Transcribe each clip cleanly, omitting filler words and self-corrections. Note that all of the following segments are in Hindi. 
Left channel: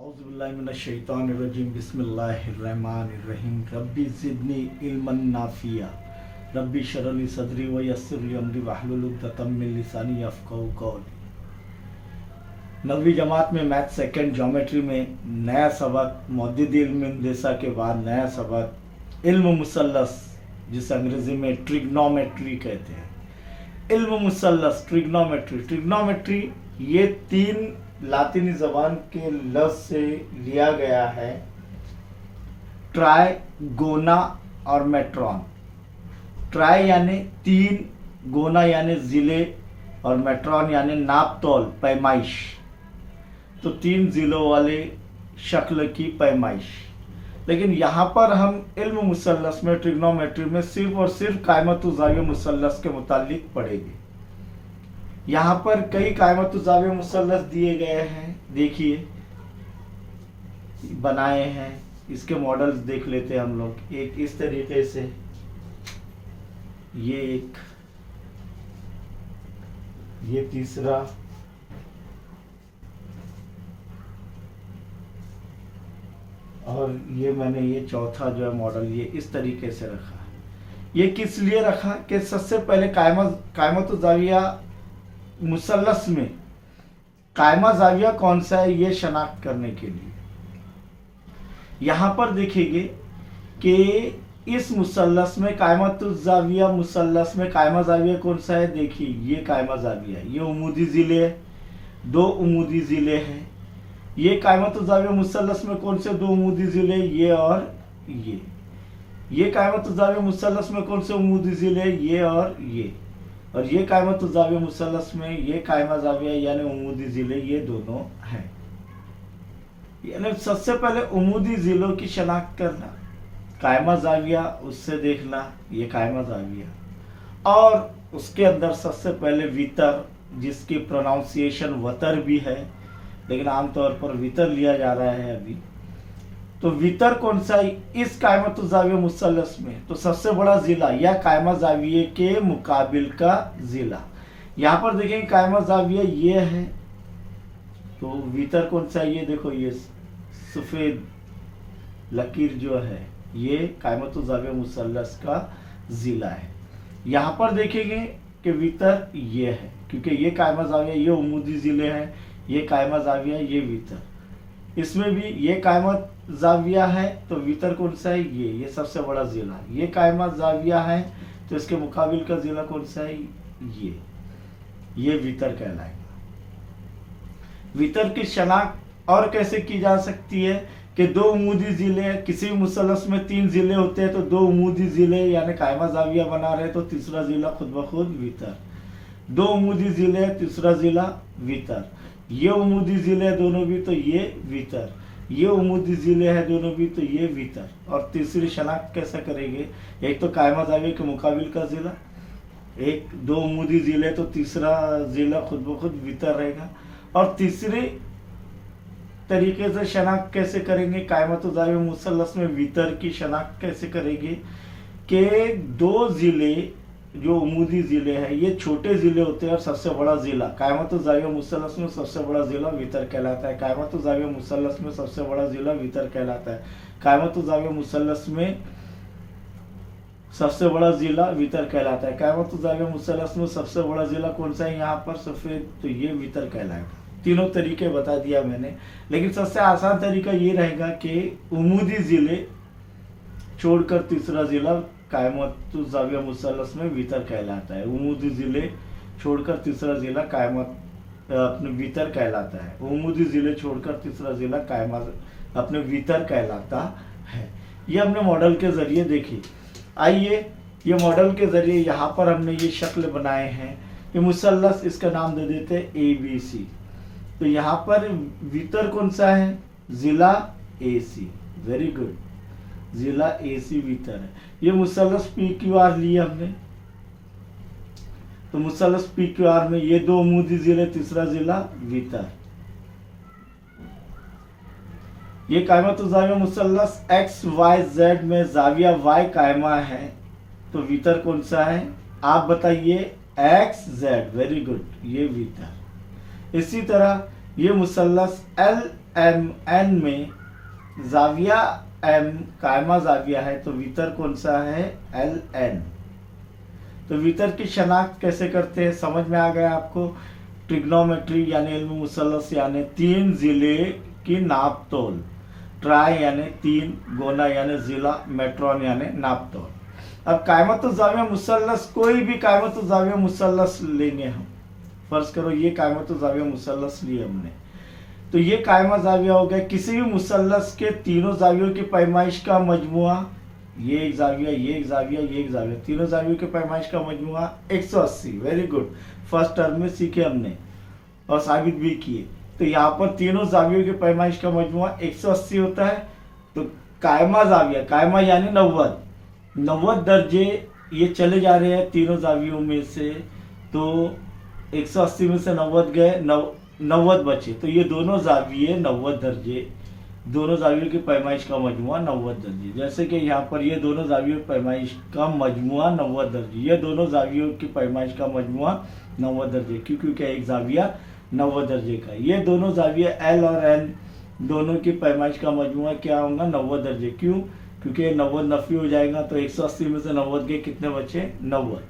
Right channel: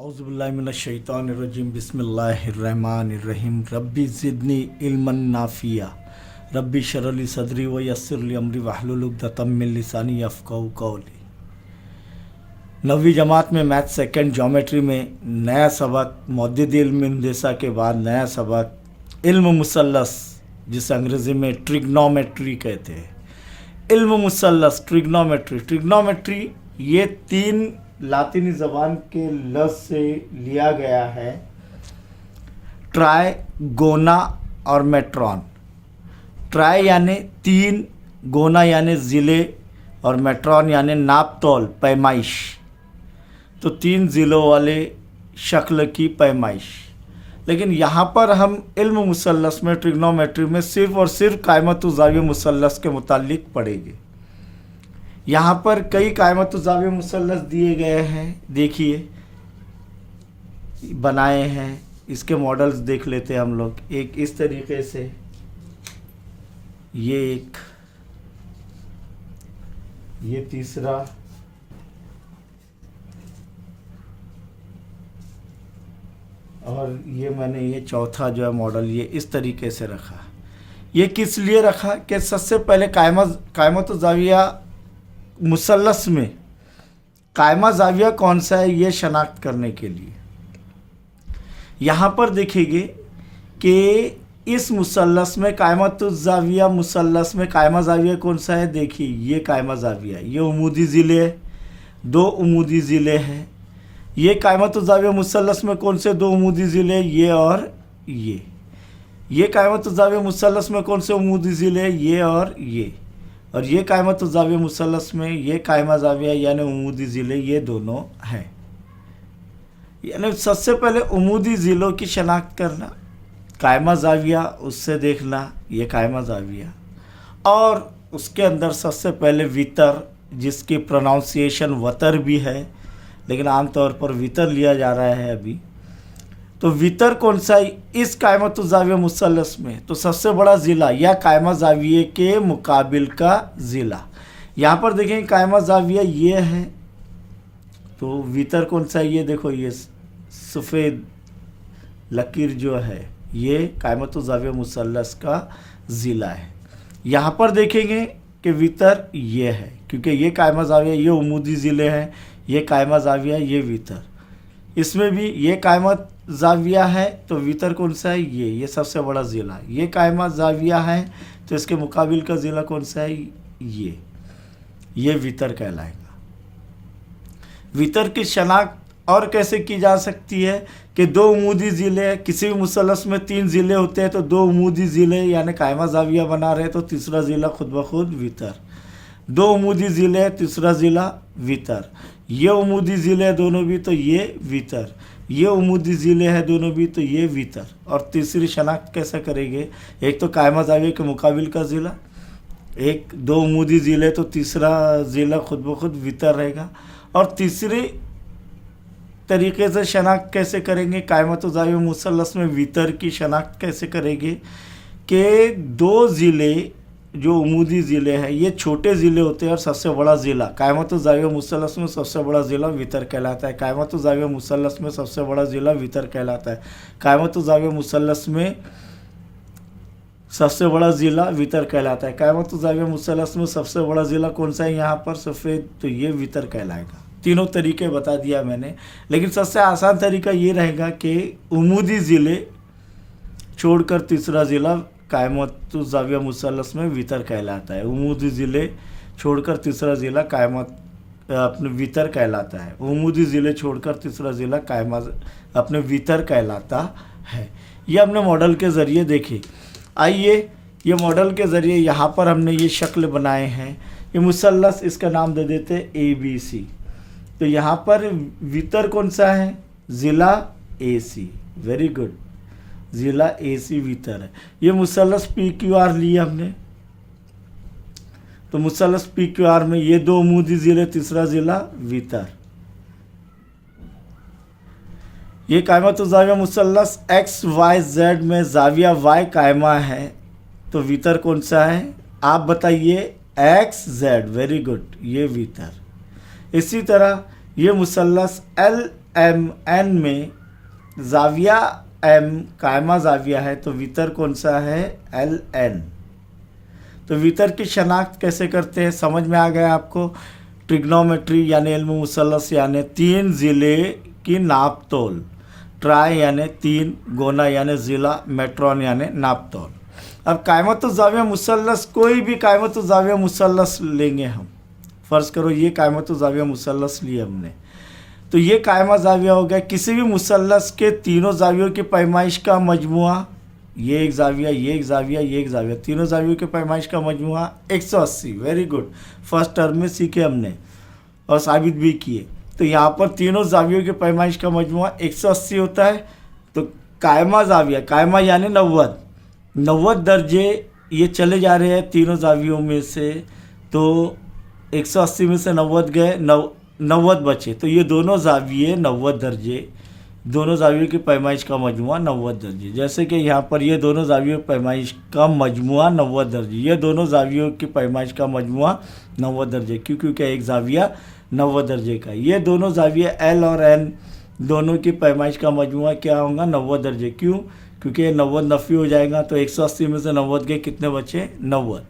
औज़ुबिल्लाहिमिनश्शैतानिर्रजीम बिस्मिल्लाहिर्रहमानिर्रहीम रब्बी ज़िदनी इल्मन नाफ़िया रब्बी शरली सदरी व यस्सिरली अमरी वहलुल उक़दतम मिन लिसानी यफ़क़हू क़ौली। 9वीं जमात में मैथ सेकंड ज्योमेट्री में नया सबक मौद्दिद इल्म इंदेसा के बाद नया सबक इल्म मुसल्लस, जिसे अंग्रेज़ी में ट्रिग्नोमेट्री कहते हैं। इल्म मुसल्लस ट्रिग्नोमेट्री ये तीन लातिनी ज़बान के लफ्ज़ से लिया गया है, ट्राई, गोना और मेट्रॉन। ट्राई यानी तीन, गोना यानी ज़िले और मेट्रॉन यानी नाप तौल पैमाइश। तो तीन ज़िलों वाले शक्ल की पैमाइश। लेकिन यहाँ पर हम इल्म मुसल्लस में ट्रिग्नोमेट्री में सिर्फ़ और सिर्फ कायमत ज़ाविया मुसल्लस के मुतालिक पढ़ेंगे। यहाँ पर कई कायमत ज़ाविया मुसल्लस दिए गए हैं, देखिए बनाए हैं। इसके मॉडल्स देख लेते हैं हम लोग। एक इस तरीके से, ये एक, ये तीसरा, और ये मैंने ये चौथा जो है मॉडल ये इस तरीके से रखा। ये किस लिए रखा कि सबसे पहले कायमत ज़ाविया मुसल्लस में कायमा ज़ाविया कौन सा है ये शनाख्त करने के लिए। यहाँ पर देखेंगे कि इस मुसल्लस में कायमत ज़ाविया मुसल्लस में कायमा ज़ाविया कौन सा है। देखिए ये कायमा ज़ाविया, ये उमूदी ज़िले है, दो उमूदी ज़िले हैं। ये कायमत ज़ाविया मुसल्लस में कौन से दो उमूदी ज़िले, ये और ये कायमत ज़ाविया मुसल्लस में कौन से उमूदी ज़िले, ये और ये कायमत ज़ाविया मुसल्लस में ये कायमा ज़ाविया यानी उमूदी ज़िले ये दोनों हैं। यानी सबसे पहले उमूदी ज़िलों की शनाख्त करना, कायमा ज़ाविया उससे देखना, ये कायमा ज़ाविया। और उसके अंदर सबसे पहले वितर, जिसकी प्रोनाउंसिएशन वतर भी है लेकिन आमतौर पर वितर लिया जा रहा है अभी। तो वितर कौन सा है इस कायमत ज़ाविया मुसल्लस में, तो सबसे बड़ा ज़िला या कायमा ज़ाविये के मुकाबिल का ज़िला। यहाँ पर देखें कायमा ज़ाविया ये है, तो वितर कौन सा है, ये देखो ये सफ़ेद लकीर जो है ये कायमत ज़ाविया मुसल्लस का ज़िला है। यहाँ पर देखेंगे कि वितर ये है, क्योंकि ये कायमा ज़ाविया ये उमूदी ज़िले हैं, ये कायमा ज़ाविया ये वितर। इसमें भी ये कायमा ज़ाविया है तो वितर कौन सा है, ये सबसे बड़ा ज़िला। ये कायमा ज़ाविया है तो इसके मुकाबिल का ज़िला कौन सा है, ये वितर कहलाएगा। वितर की शनाख्त और कैसे की जा सकती है कि दो उमूदी ज़िले हैं। किसी भी मुसल्लस में तीन ज़िले होते हैं तो दो उमूदी ज़िले यानी कायमा ज़ाविया बना रहे तो तीसरा ज़िला खुद ब खुद वितर। दो उमूदी ज़िले हैं, तीसरा ज़िला वितर। ये उमूदी ज़िले हैं दोनों भी तो ये वितर, ये उमूदी ज़िले हैं दोनों भी तो ये वितर। और तीसरी शनाख्त कैसे करेंगे, एक तो कायमा ज़ाविया के मुकाबिल का ज़िला, एक दो उमूदी ज़िले तो तीसरा ज़िला खुद ब खुद वितर रहेगा। और तीसरे तरीके से शनाख्त कैसे करेंगे, कायमत ज़ाविया मुसल्लस में वितर की शनाख्त कैसे करेंगे कि दो ज़िले जो उमूदी ज़िले हैं ये छोटे ज़िले होते हैं और सबसे बड़ा ज़िला कायमत ज़ाविया मुसल्लस में सबसे बड़ा ज़िला वितर कहलाता है। कायमत ज़ाविया मुसल्लस में सबसे बड़ा ज़िला वितर कहलाता है। कायमत ज़ाविया मुसल्लस में सबसे बड़ा ज़िला वितर कहलाता है। कायमत ज़ाविया मुसल्लस में सबसे बड़ा ज़िला कौन सा है यहाँ पर, सफ़ेद, तो ये वितर कहलाएगा। तीनों तरीके बता दिया मैंने, लेकिन सबसे आसान तरीका ये रहेगा कि उमूदी ज़िले छोड़कर तीसरा ज़िला कायमत ज़ाविया मुसल्लस में वितर कहलाता है। उमूदी ज़िले छोड़कर तीसरा ज़िला कायमत अपने वितर कहलाता है। उमूदी ज़िले छोड़कर तीसरा ज़िला कायमा अपने वितर कहलाता है। ये हमने मॉडल के ज़रिए देखी। आइए ये मॉडल के ज़रिए यहाँ पर हमने ये शक्ल बनाए हैं। ये मुसल्लस, इसका नाम दे देते हैं ABC। तो यहाँ पर वितर कौन सा है, ज़िला AC। वेरी गुड, ज़िला AC वितर है। ये मुसल्लस PQR लिया हमने, तो मुसल्लस PQR में ये दो उमूदी ज़िले, तीसरा ज़िला वितर। ये कायमत ज़ाविया मुसल्लस XYZ में ज़ाविया Y कायमा है तो वितर कौन सा है, आप बताइए, XZ। वेरी गुड, ये वितर। इसी तरह ये मुसल्लस एम एन में जाविया एम कायमा जाविया है, तो वितर कौन सा है? L N. तो वितर की शनाख्त कैसे करते हैं, समझ में आ गया आपको? ट्रिग्नोमेट्री यानी इल्म मुसल्लस यानी तीन ज़िले की नाप तोल, ट्राई यानी तीन, गोना यानी ज़िला, मेट्रॉन यानी नाप तोल। अब कायमत ज़ाविया मुसल्लस, कोई भी कायमत ज़ाविया मुसल्लस लेंगे हम, फ़र्ज़ करो ये कायमत ज़ाविया मुसल्लस लिए हमने, तो ये कायमा ज़ाविया हो गया किसी भी मुसल्लस के तीनों ज़ावियों की पैमाइश का मजमुआ, ये एक ज़ाविया, ये एक ज़ाविया, ये एक ज़ाविया, तीनों ज़ावियों की पैमाइश का मजमुआ 180। वेरी गुड, फर्स्ट टर्म में सीखे हमने और साबित भी किए। तो यहाँ पर तीनों ज़ावियों की पैमाइश का मजमुआ 180 होता है। तो कायमा ज़ाविया, कायमा यानी 90 दर्जे ये चले जा रहे हैं तीनों ज़ावियों में से, तो 180 में से 90 गए, 90 बचे, तो ये दोनों ज़ाविये 90 दर्जे, दोनों ज़ावियों की पैमाइश का मजमुआ 90 दर्जे। जैसे कि यहाँ पर ये दोनों ज़ावियों की पैमाइश का मजमुआ 90 दर्जे, ये दोनों ज़ावियों की पैमाइश का मजमुआ 90 दर्जे, क्योंकि एक ज़ाविया 90 दर्जे का। ये दोनों ज़ाविये एल और एन दोनों की पैमाइश का मजमुआ क्या होगा? 90 दर्जे। क्यों? क्योंकि 90 नफ़ी हो जाएगा, तो 180 में से 90 के कितने बचे? 90।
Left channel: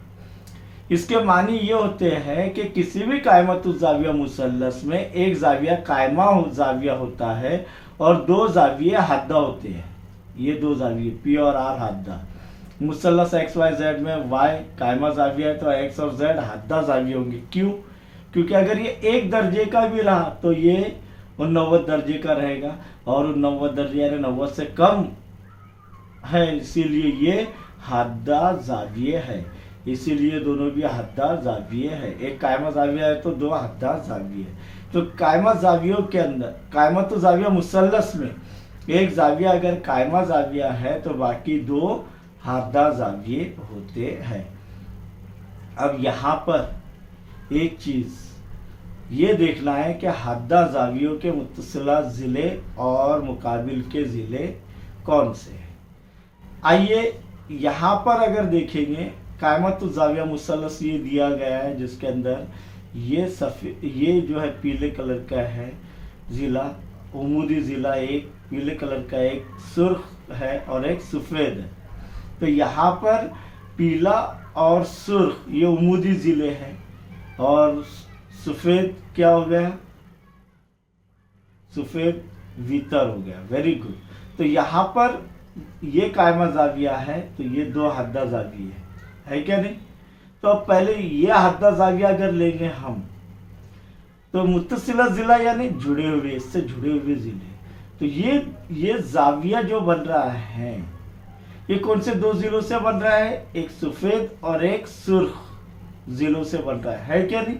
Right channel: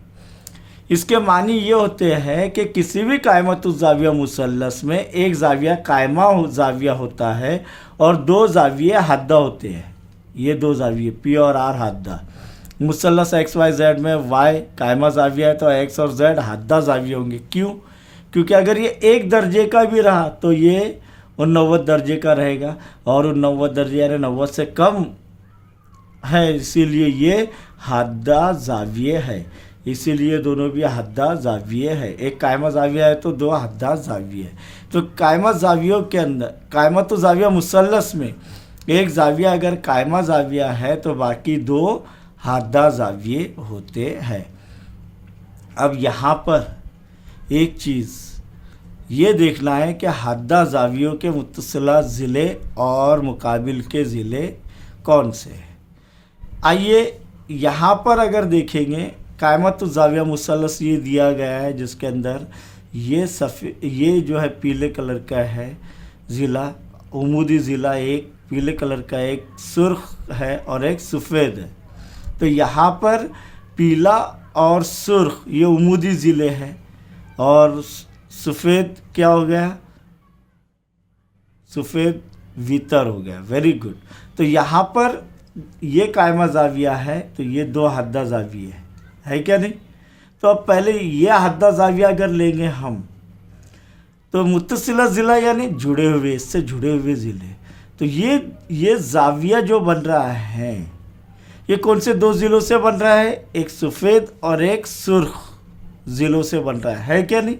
इसके मानी ये होते हैं कि किसी भी कायमत ज़ाविया मुसल्लस में एक ज़ाविया कायमा ज़ाविया होता है और दो ज़ाविये हद्दा होते हैं। ये दो ज़ाविये पी और आर हद्दा। मुसल्लस एक्स वाई जेड में वाई कायमा ज़ाविया है तो एक्स और जेड हद्दा ज़ाविये होंगे। क्यों? क्योंकि अगर ये एक दर्जे का भी रहा तो ये 90 दर्जे का रहेगा, और 90 दर्जे यानी 90 से कम है, इसीलिए ये हद्दा ज़ाविये है। इसीलिए दोनों भी हद्दा ज़ाविये है। एक कायमा ज़ाविया है तो दो हद्दा ज़ाविये है। तो कायमा ज़ावियों के अंदर, कायमा तो ज़ाविया मुसल्लस में एक ज़ाविया अगर कायमा ज़ाविया है तो बाकी दो हद्दा ज़ाविये होते हैं। अब यहाँ पर एक चीज़ ये देखना है कि हद्दा ज़ावियों के मुत्तसिला ज़िले और मुकाबिल के ज़िले कौन से हैं। आइए यहाँ पर अगर देखेंगे, कायमत ज़ाविया मुसल्लस ये दिया गया है जिसके अंदर ये जो है पीले कलर का है ज़िला, उमूदी ज़िला एक पीले कलर का, एक सुर्ख है और एक सफ़ेद है। तो यहाँ पर पीला और सुर्ख ये उमूदी ज़िले हैं और सफ़ेद क्या हो गया? सफ़ेद वितर हो गया। Very good. तो यहाँ पर ये कायमा ज़ाविया है तो ये दो हद्दा ज़ाविया है क्या नहीं? तो अब पहले ये हद्दा ज़ाविया अगर लेंगे हम तो मुत्तसिला ज़िला यानी जुड़े हुए, इससे जुड़े हुए ज़िले। तो ये ज़ाविया जो बन रहा है ये कौन से दो ज़िलों से बन रहा है? एक सफ़ेद और एक सुर्ख ज़िलों से बन रहा है क्या नहीं?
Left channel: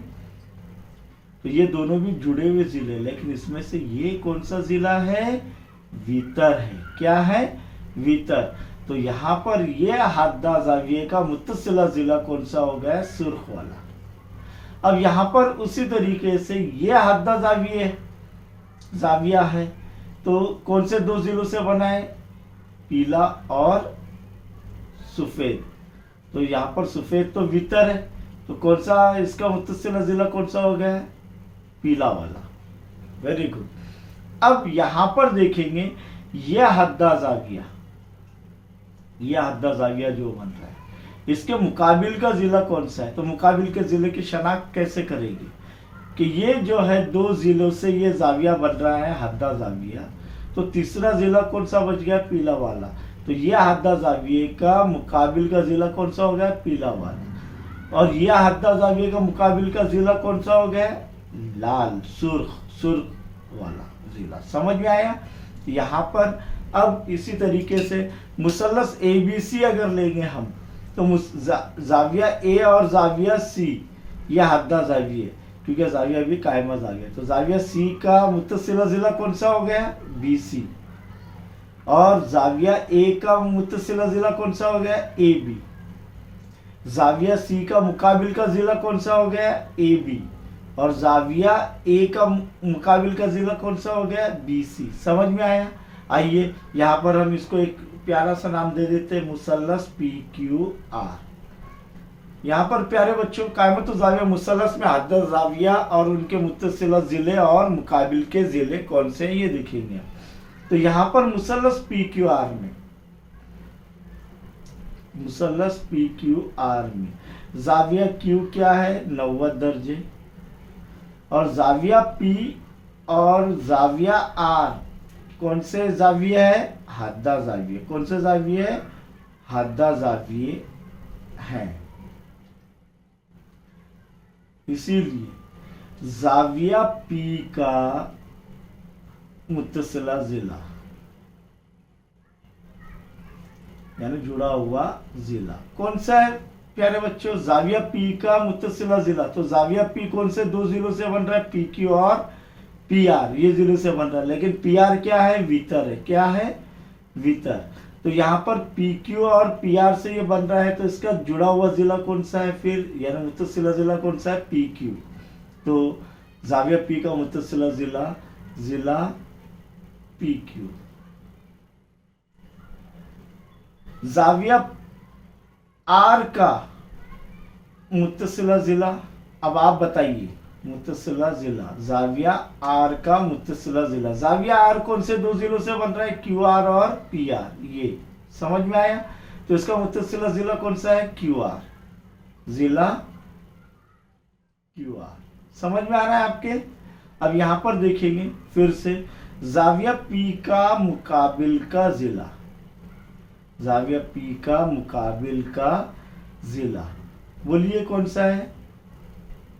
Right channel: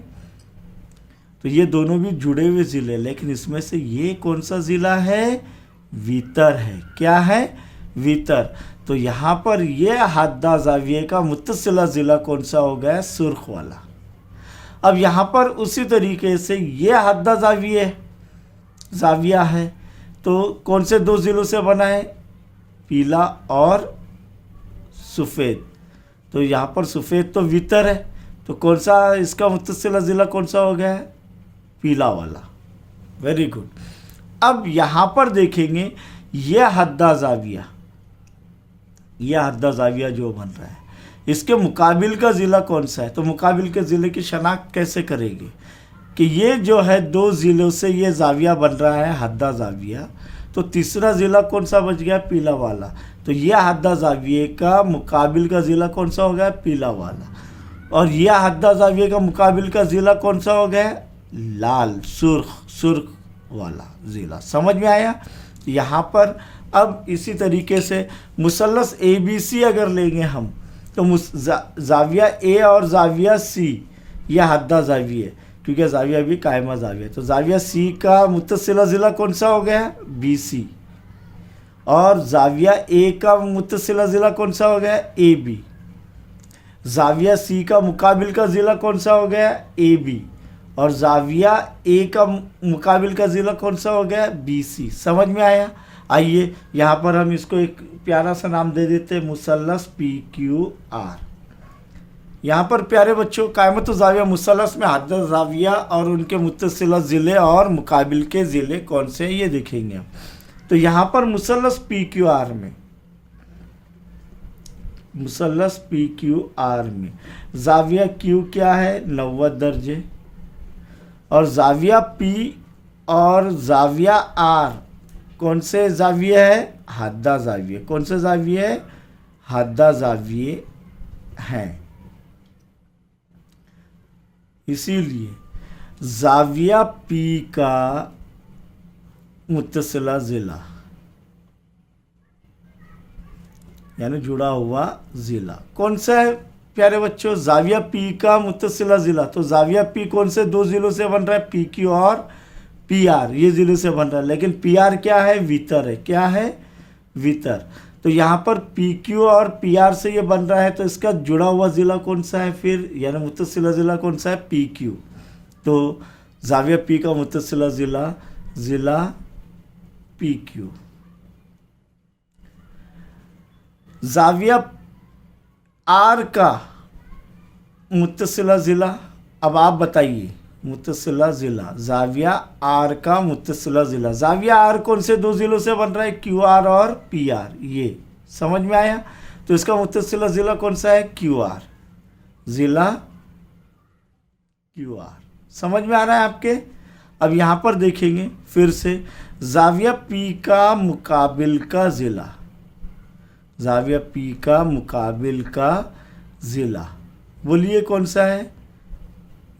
तो ये दोनों भी जुड़े हुए ज़िले, लेकिन इसमें से ये कौन सा ज़िला है? वितर है। क्या है? वितर। तो यहाँ पर ये हद्दा ज़ाविये का मुत्तसिला ज़िला कौन सा हो गया? सुर्ख वाला। अब यहाँ पर उसी तरीके से ये हद्दा ज़ाविया है तो कौन से दो ज़िलों से बना है? पीला और सफ़ेद। तो यहाँ पर सफ़ेद तो वितर है, तो कौन सा इसका मुत्तसिला ज़िला कौन सा हो गया? पीला वाला। Very good. अब यहाँ पर देखेंगे ये हद्दा ज़ाविया, ये हद्दा ज़ाविया जो बन रहा है इसके मुकाबिल का ज़िला कौन सा है? तो मुकाबिल के ज़िले की शनाख्त कैसे करेंगे कि ये जो है दो ज़िलों से ये ज़ाविया बन रहा है हद्दा ज़ाविया, तो तीसरा ज़िला कौन सा बच गया? पीला वाला। तो ये हद्दा ज़ाविये का मुकाबिल का ज़िला कौन सा हो गया? पीला वाला। और यह हद्दा ज़ाविये का मुकाबिल का ज़िला कौन सा हो गया? लाल, सुर्ख वाला ज़िला। समझ में आया? यहाँ पर अब इसी तरीके से मुसल्लस ABC अगर लेंगे हम तो ज़ाविया A और ज़ाविया C यह हद्दा ज़ाविया है, क्योंकि ज़ाविया भी कायमा ज़ाविया। तो ज़ाविया C का मुत्तसिला ज़िला कौन सा हो गया? BC। और ज़ाविया A का मुत्तसिला ज़िला कौन सा हो गया? AB। ज़ाविया C का मुकाबिल का ज़िला कौन सा हो गया? AB। और ज़ाविया A का मुकाबिल का ज़िला कौन सा हो गया? BC। समझ में आया? आइए यहाँ पर हम इसको एक प्यारा सा नाम दे देते हैं, मुसल्लस PQR। यहाँ पर प्यारे बच्चों कायमत ज़ाविया मुसल्लस में हद ज़ाविया और उनके मुत्तसिला ज़िले और मुकाबिल के ज़िले कौन से हैं ये देखेंगे हम। तो यहाँ पर मुसल्लस पी क्यू आर में, मुसल्लस पी क्यू आर में ज़ाविया क्यू क्या है 90 दर्जे, और ज़ाविया पी और ज़ाविया आर कौन से ज़ाविया है हद्दा ज़ाविया, कौन से ज़ाविया है हद्दा ज़ाविये हैं। इसीलिए ज़ाविया पी का मुत्तसिला ज़िला यानी जुड़ा हुआ ज़िला कौन सा है प्यारे बच्चों, ज़ाविया पी का मुत्तसिला ज़िला। तो ज़ाविया पी कौन से दो ज़िलों से बन रहा है, पी क्यू और पी आर, ये ज़िले से बन रहा है। लेकिन पी आर क्या है वितर है, क्या है वितर। तो यहाँ पर पी क्यू और पी आर से ये बन रहा है, तो इसका जुड़ा हुआ ज़िला कौन सा है फिर, यानी मुत्तसिला ज़िला कौन सा है पी क्यू। तो ज़ाविया पी का मुत्तसिला ज़िला ज़िला पी क्यू। ज़ाविया आर का मुत्तसिला ज़िला, अब आप बताइए मुत्तसिला ज़िला, ज़ाविया आर का मुत्तसिला ज़िला। ज़ाविया आर कौन से दो ज़िलों से बन रहा है, क्यू आर और पी आर, ये समझ में आया। तो इसका मुत्तसिला ज़िला कौन सा है क्यू आर, ज़िला क्यू आर, समझ में आ रहा है आपके। अब यहाँ पर देखेंगे फिर से ज़ाविया पी का मुकाबिल का ज़िला, ज़ाविया पी का मुकाबिल का ज़िला, बोलिए कौन सा है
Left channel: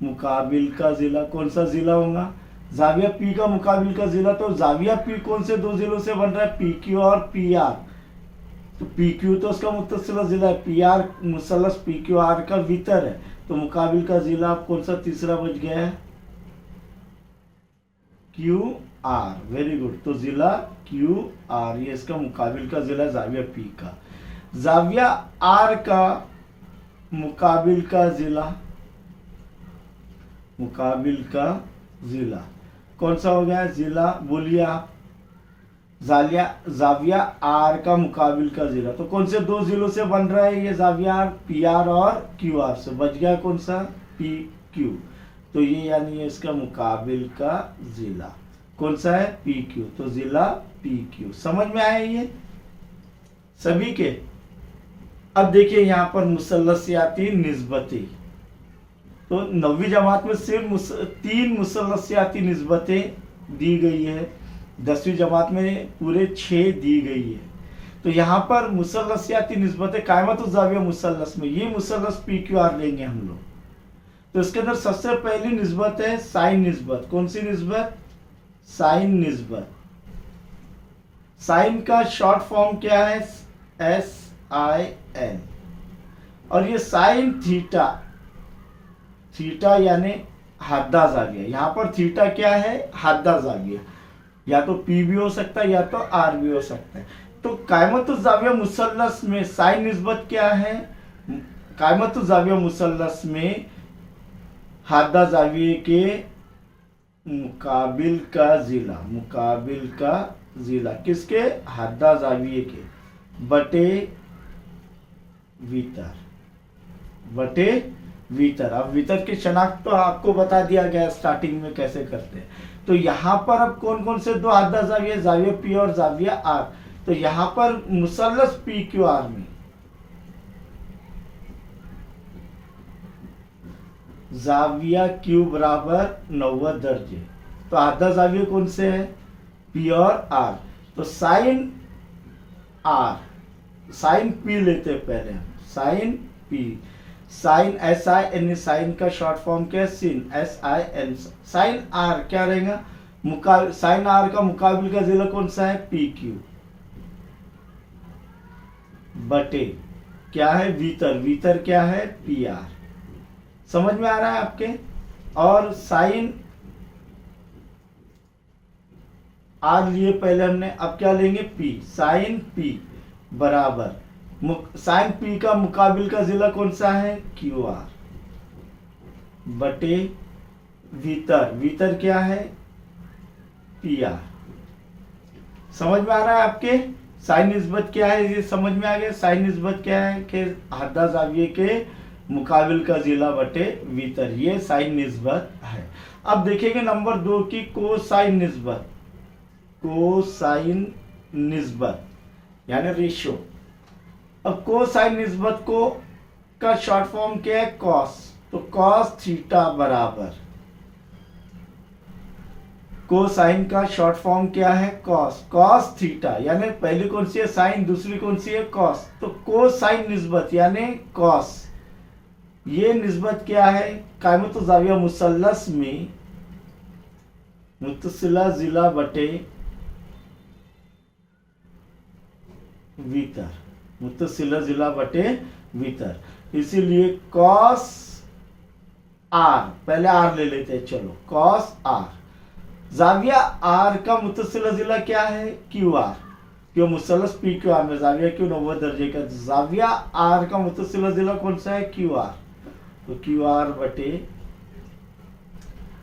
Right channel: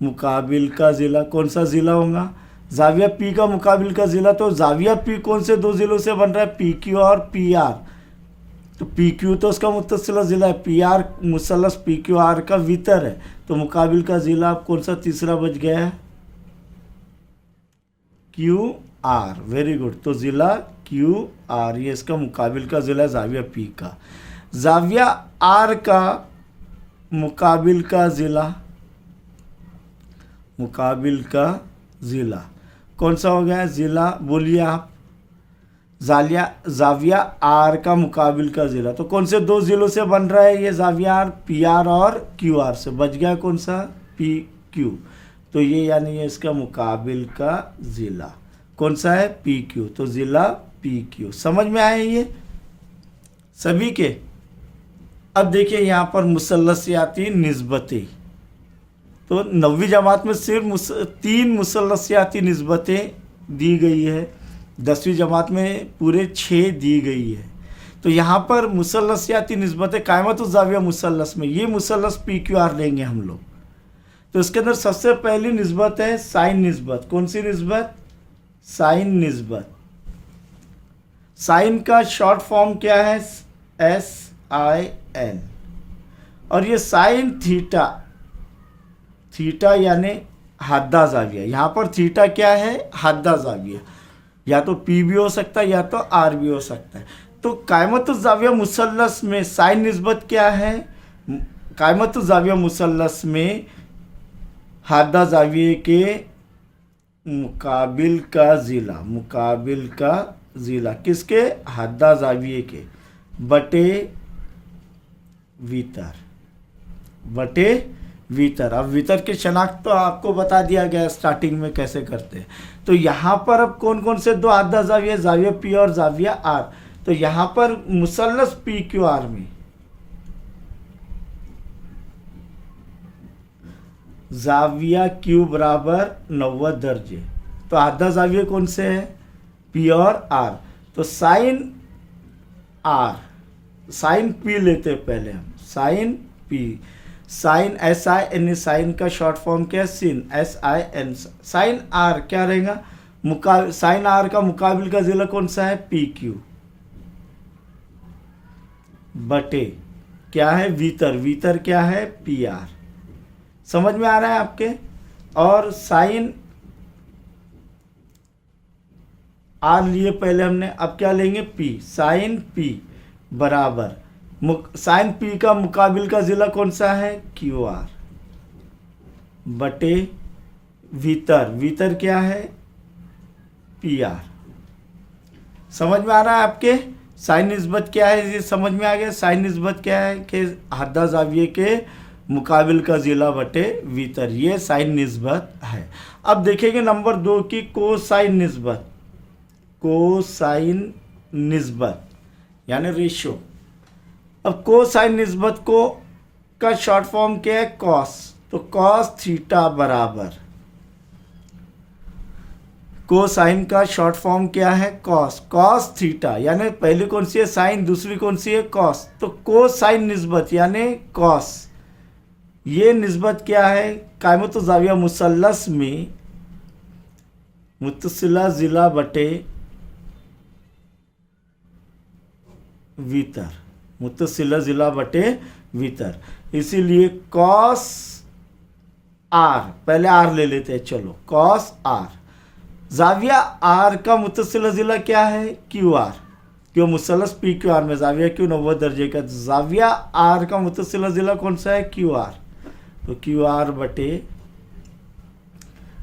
मुकाबिल का ज़िला, कौन सा ज़िला होगा ज़ाविया पी का मुकाबिल का ज़िला। तो ज़ाविया पी कौन से दो ज़िलों से बन रहा है, पी क्यू और पी आर। तो पी क्यू तो उसका मुत्तसिला ज़िला है, पी आर मुसल्लस पी क्यू आर का वितर है। तो मुकाबिल का ज़िला कौन सा तीसरा बच गया है क्यू आर, वेरी गुड। तो ज़िला क्यू आर ये इसका मुकाबिल का ज़िला ज़ाविया पी का। ज़ाविया आर का मुकाबिल का ज़िला, मुकाबिल का ज़िला कौन सा हो गया ज़िला, बोलिए आप ज़ाविया आर का मुकाबिल का ज़िला। तो कौन से दो ज़िलों से बन रहा है ये ज़ाविया आर, पी आर और क्यू आर से, बच गया कौन सा पी क्यू। तो ये यानी ये इसका मुकाबिल का ज़िला कौन सा है पी क्यू। तो ज़िला पी क्यू, समझ में आया ये सभी के। अब देखिए यहाँ पर मुसल्लसियाती निस्बतें, तो 9वीं जमात में सिर्फ 3 मुसल्लसियाती निस्बतें दी गई है, 10वीं जमात में पूरे 6 दी गई है। तो यहाँ पर मुसल्लसियाती निस्बतें कायमत ज़ाविया मुसल्लस में, ये मुसल्लस पी क्यू आर लेंगे हम लोग। तो इसके अंदर सबसे पहली निस्बत है साइन निस्बत, कौन सी निस्बत, साइन निस्बत। साइन का शॉर्ट फॉर्म क्या है SIN, और ये साइन थीटा, थीटा यानी हद्दा ज़ाविया। यहाँ पर थीटा क्या है हद्दा ज़ाविया, या तो P भी हो सकता है या तो R भी हो सकता है। तो कायमत ज़ाविया मुसल्लस में साइन निस्बत क्या है, कायमत ज़ाविया मुसल्लस में हद्दा ज़ाविये के मुकाबिल का ज़िला, मुकाबिल का ज़िला किसके, हद्दा ज़ाविये के, बटे वितर, बटे वितर। अब वितर की शनाख्त तो आपको बता दिया गया स्टार्टिंग में कैसे करते हैं। तो यहाँ पर अब कौन कौन से दो हद्दा ज़ाविया, ज़ाविया पी और ज़ाविया आर। तो यहाँ पर मुसल्लस पी क्यू आर में ज़ाविया क्यू बराबर 90 दर्जे, तो हद्दा ज़ाविया कौन से है पी और आर। तो साइन आर, साइन पी लेते हैं पहले हम, sine P, sine SIN, sine का शॉर्ट फॉर्म क्या है सिन, SIN। साइन आर क्या रहेगा, साइन आर का मुकाबिल का ज़िला कौन सा है पी क्यू, बटे क्या है वितर, वितर क्या है पी आर। समझ में आ रहा है आपके। और साइन आर लिए पहले हमने, अब क्या लेंगे पी, साइन पी बराबर साइन पी का मुकाबिल का ज़िला कौन सा है क्यू आर, बटे वितर, वितर क्या है पी आर। समझ में आ रहा है आपके। साइन निस्बत क्या है ये समझ में आ गया। साइन निस्बत क्या है कि हद्दा ज़ाविये के मुकाबिल का ज़िला बटे भीतर, ये साइन निस्बत है। अब देखेंगे नंबर 2 की कोसाइन निस्बत। कोसाइन निस्बत यानी रेशियो। अब कोसाइन निस्बत को का शॉर्ट फॉर्म क्या है? कॉस। तो कॉस थीटा बराबर, कोसाइन का शॉर्ट फॉर्म क्या है? कॉस। कॉस थीटा यानी पहली कौन सी है? साइन, दूसरी कौन सी है? कॉस। तो कोसाइन निस्बत यानी कॉस, ये निस्बत क्या है? कायमत ज़ाविया मुसल्लस में मुत्तसिला ज़िला बटे भीतर, मुत्तसिला ज़िला बटे भीतर, इसीलिए कॉस आर, पहले आर ले लेते हैं, चलो कॉस आर। ज़ाविया आर का मुत्तसिला ज़िला क्या है? क्यू आर, क्यों मुसल्लस पी क्यू आर में ज़ाविया क्यू 90 दर्जे का, ज़ाविया आर का मुत्तसिला ज़िला कौन सा है? Q R. तो क्यू आर बटे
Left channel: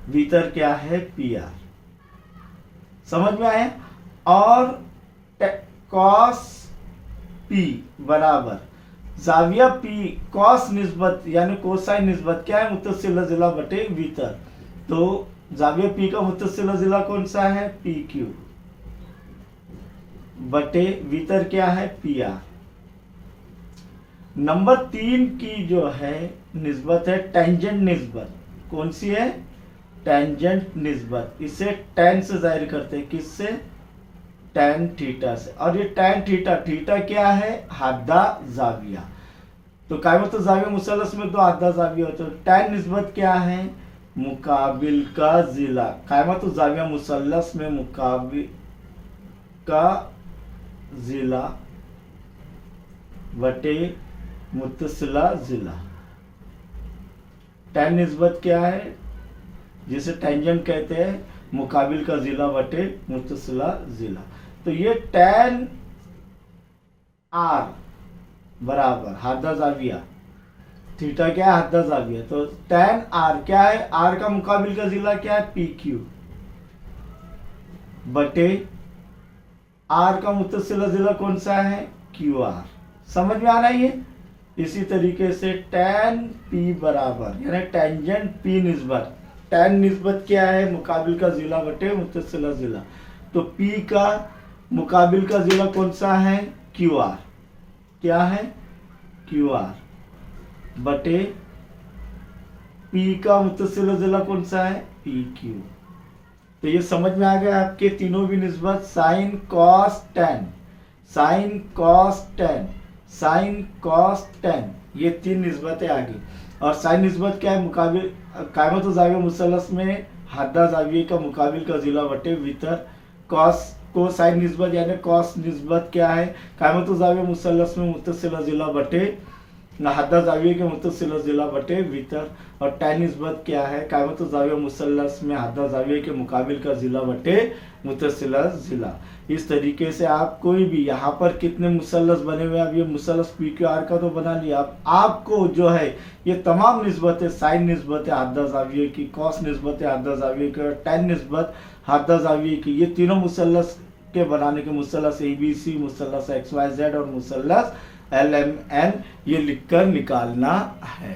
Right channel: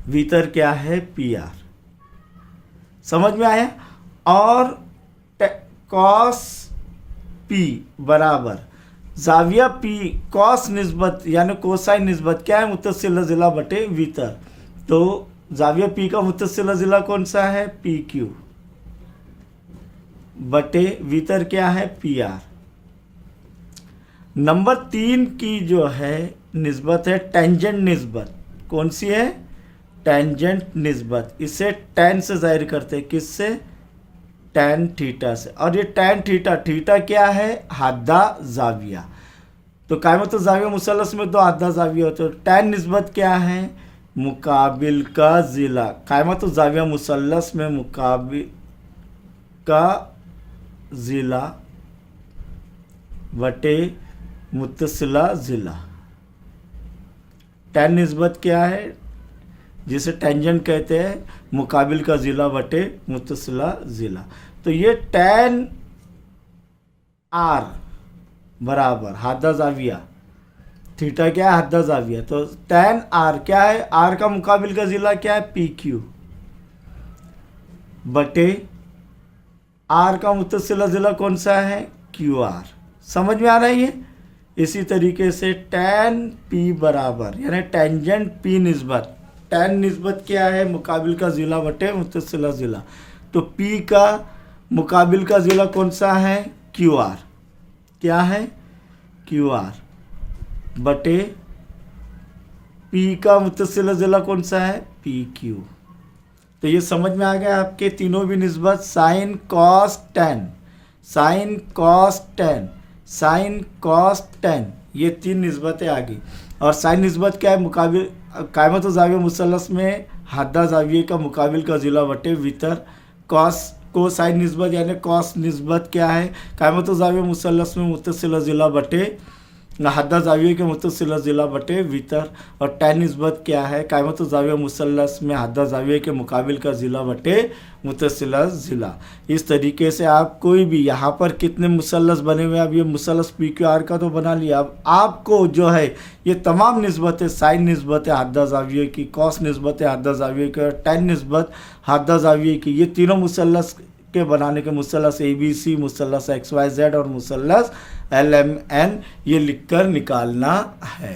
भीतर क्या है? P are. समझ में आया? और कॉस पी बराबर ज़ाविया पी कॉस निस्बत यानी कोसाइन निस्बत क्या है? मुत्तसिला ज़िला बटे भीतर। तो ज़ाविया पी का मुत्तसिला ज़िला कौन सा है? पी क्यू बटे भीतर क्या है? P are. नंबर 3 की जो है निस्बत है टेंजेंट निस्बत। कौन सी है? टेंजेंट निस्बत। इसे टेन से जाहिर करते हैं, किससे? टेन थीटा से। और ये टेन थीटा, थीटा क्या है? हादा ज़ाविया। तो कायमत ज़ाविया मुसल्लस में तो हादा ज़ाविया होते हैं। टेन निस्बत क्या है? मुकाबिल का ज़िला। कायमत ज़ाविया मुसल्लस में मुकाबिल का ज़िला बटे मुत्तसिला ज़िला। टेन निस्बत क्या है? जिसे टेंजेंट कहते हैं, मुकाबिल का ज़िला बटे मुत्तसिला ज़िला। तो ये टेन आर बराबर हादा ज़ाविया, थीटा क्या है? हादा ज़ाविया। तो टेन आर क्या है? आर का मुकाबिल का ज़िला क्या है? पी क्यू बटे आर का मुत्तसिला ज़िला कौन सा है? Q R. समझ में आ रहा है ये? इसी तरीके से टेन पी बराबर यानी टेंजेंट पी निस्बत। टेन निस्बत क्या है? मुकाबिल का ज़िला बटे मुत्तसिला ज़िला। तो पी का मुकाबिल का ज़िला कौन सा है? Q R. क्या है? क्यू आर बटे पी का मुत्तसिला ज़िला कौन सा है? P Q. तो ये समझ में आ गया आपके तीनों भी निस्बत। Sine cos tan, sine cos tan, sine cos tan, ये 3 निस्बतें आ गई। और साइन निस्बत क्या है? मुकाबिल कायमत ज़ाविया मुसल्लस में हादा ज़ाविया का मुकाबिल का ज़िला बटे भीतर। कॉस को साइन निस्बत यानी कॉस निस्बत क्या है? कायमत ज़ाविया मुसल्लस में मुत्तसिला ज़िला बटे हादा ज़ाविया के मुत्तसिला ज़िला बटे भीतर। और टेन निस्बत क्या है? कायमत ज़ाविया मुसल्लस में हादा ज़ाविया के मुकाबिल का ज़िला बटे मुत्तसिला ज़िला। इस तरीके से आप कोई भी यहाँ पर कितने मुसल्लस बने हुए हैं, अब ये मुसल्लस पी क्यू आर का तो बना लिया। अब आपको जो है ये तमाम निस्बतें, साइन निस्बत हादा ज़ाविया की, कॉस निस्बत हादा ज़ाविया की और टेन निस्बत हादा ज़ाविया की, ये तीनों मुसल्लस के बनाने के मुसल्लस ABC, मुसल्लस XYZ और मुसल्लस LMN ये लिखकर निकालना है।